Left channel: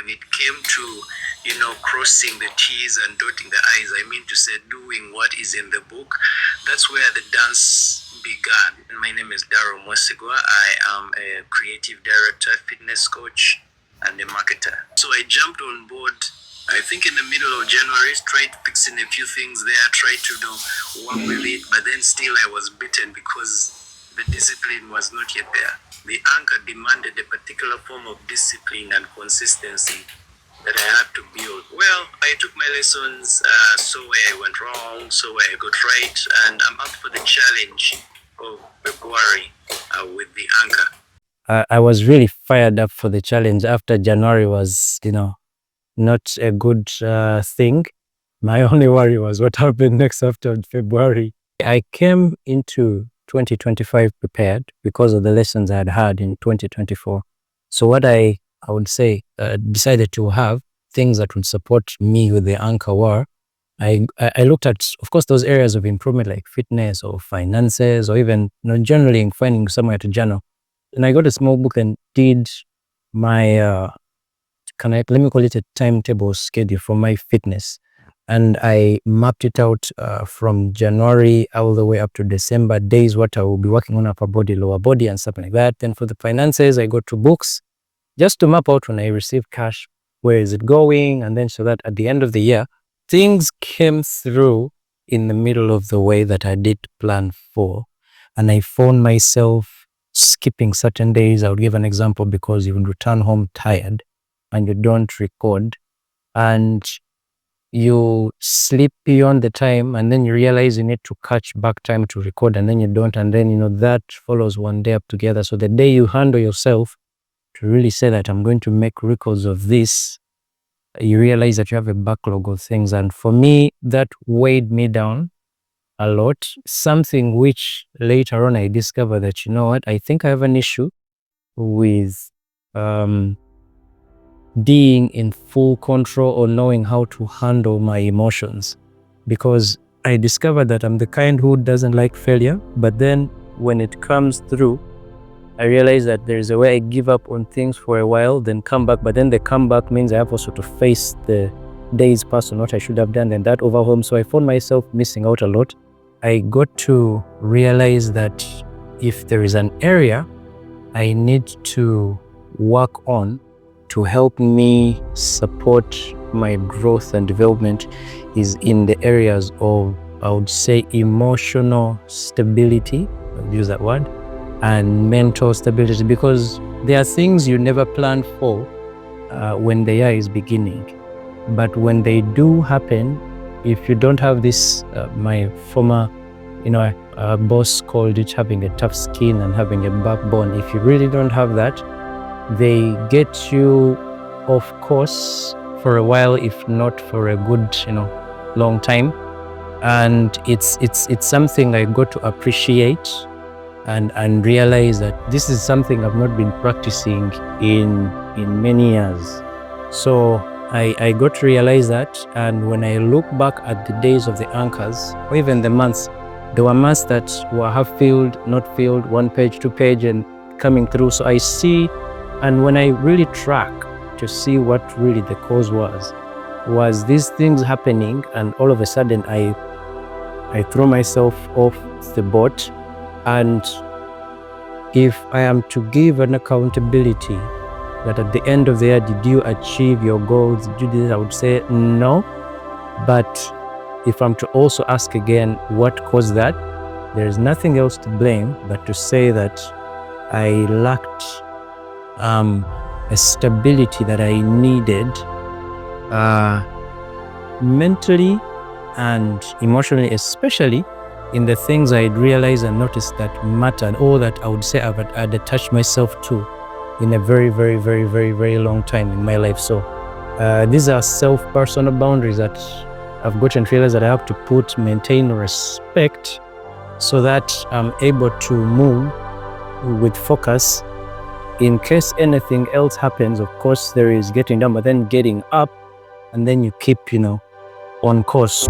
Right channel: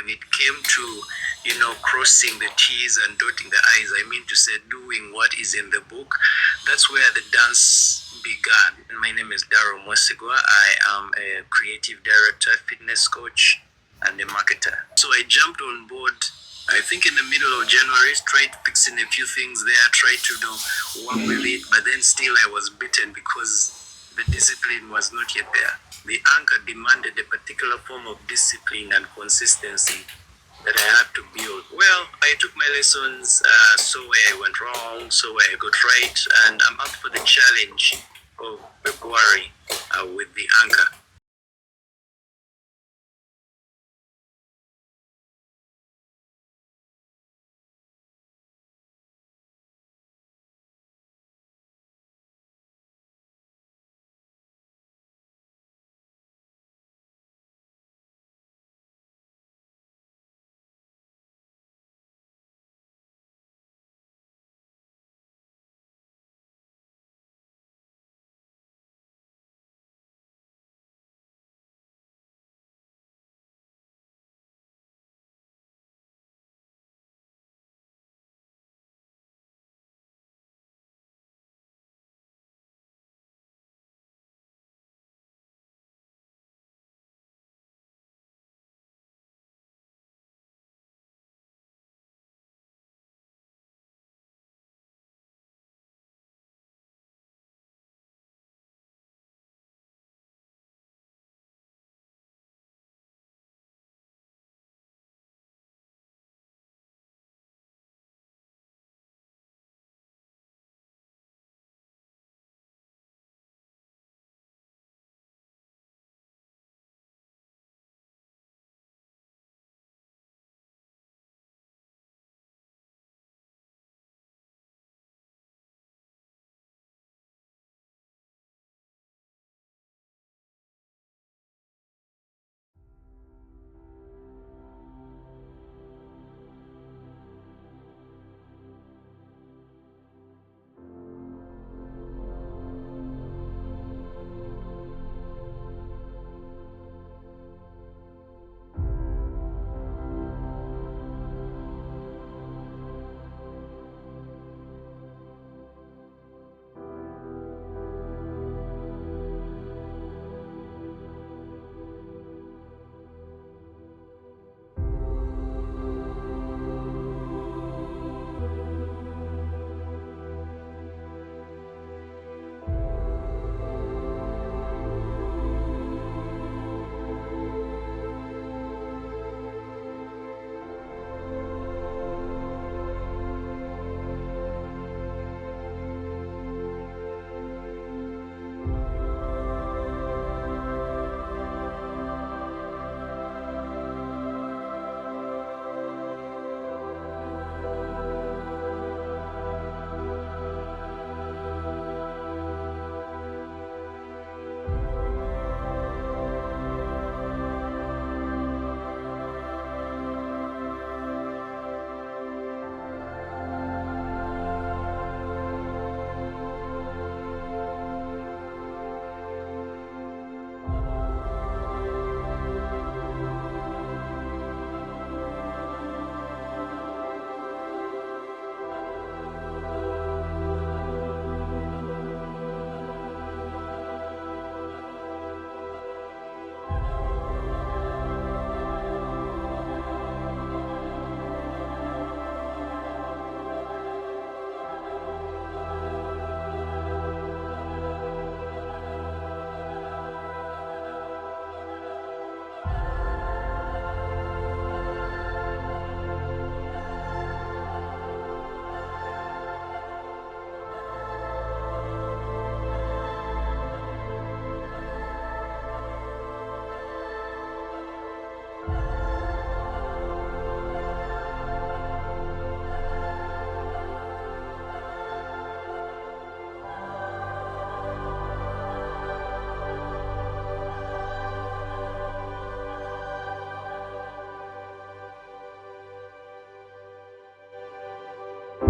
when it came to, crossing the T's and dotting the I's, I mean to say doing what is in the book, that's where the dance began. My name is Daryl Mwesigwa. I am a creative director, fitness coach, and a marketer. So I jumped on board, I think in the middle of January, tried fixing a few things there, tried to work with it, but then still I was bitten because the discipline was not yet there. The anchor demanded a particular form of discipline and consistency that I had to build. Well, I took my lessons, saw where I went wrong, saw where I got right, and I'm up for the challenge of February with the anchor. I was really fired up for the challenge after January was, not a good thing. My only worry was what happened next after February. I came into 2025 prepared because of the lessons I had had in 2024. So what I would say, decided to have things that would support me with the anchor were, I looked at, of course, those areas of improvement like fitness or finances or even generally finding somewhere to journal. And I got a small book and did my, let me call it a timetable schedule for my fitness. And I mapped it out from January all the way up to December, days what I will be working on, upper body, lower body, and something like that. Then for the finances, I go to books just to map out when I receive cash, where is it going? And then so that at the end of the year, things came through in the middle of the way that I did plan for. And I found myself skipping certain days. I would give an example because you would return home tired and you don't record and you sleep beyond the time and then you realize you need to catch back time to record and then you don't, and then that follows one day up together. So the day you handle yourself to really say that I'm going to make records of this, you realize that you have a backlog of things. And for me, that weighed me down a lot, something which later on I discovered that, I think I have an issue with being in full control or knowing how to handle my emotions, because I discovered that I'm the kind who doesn't like failure, but then when it comes through, I realize that there's a way I give up on things for a while, then come back, but then the comeback means I have also to face the days past on what I should have done, and that overwhelms. So I found myself missing out a lot. I got to realize that if there is an area I need to work on to help me support my growth and development is in the areas of, I would say, emotional stability, I'll use that word, and mental stability, because there are things you never plan for when the year is beginning. But when they do happen, if you don't have this, my former boss called it having a tough skin and having a backbone. If you really don't have that, they get you off course for a while, if not for a good, long time. And it's something I got to appreciate and realize that this is something I've not been practicing in many years. So I got to realize that, and when I look back at the days of the anchors, or even the months, there were months that were half filled, not filled, 1 page, 2 page, and coming through. So I see, and when I really track to see what really the cause was these things happening, and all of a sudden I throw myself off the boat. And if I am to give an accountability that at the end of the year, did you achieve your goals? Did you do this? I would say no. But if I'm to also ask again what caused that, there is nothing else to blame but to say that I lacked a stability that I needed mentally and emotionally, especially in the things I'd realized and noticed that mattered, or that I would say I'd attached myself to in a very, very, very, very, very long time in my life. So these are self-personal boundaries that I've gotten to realize that I have to maintain respect so that I'm able to move with focus. In case anything else happens, of course, there is getting down, but then getting up, and then you keep, on course.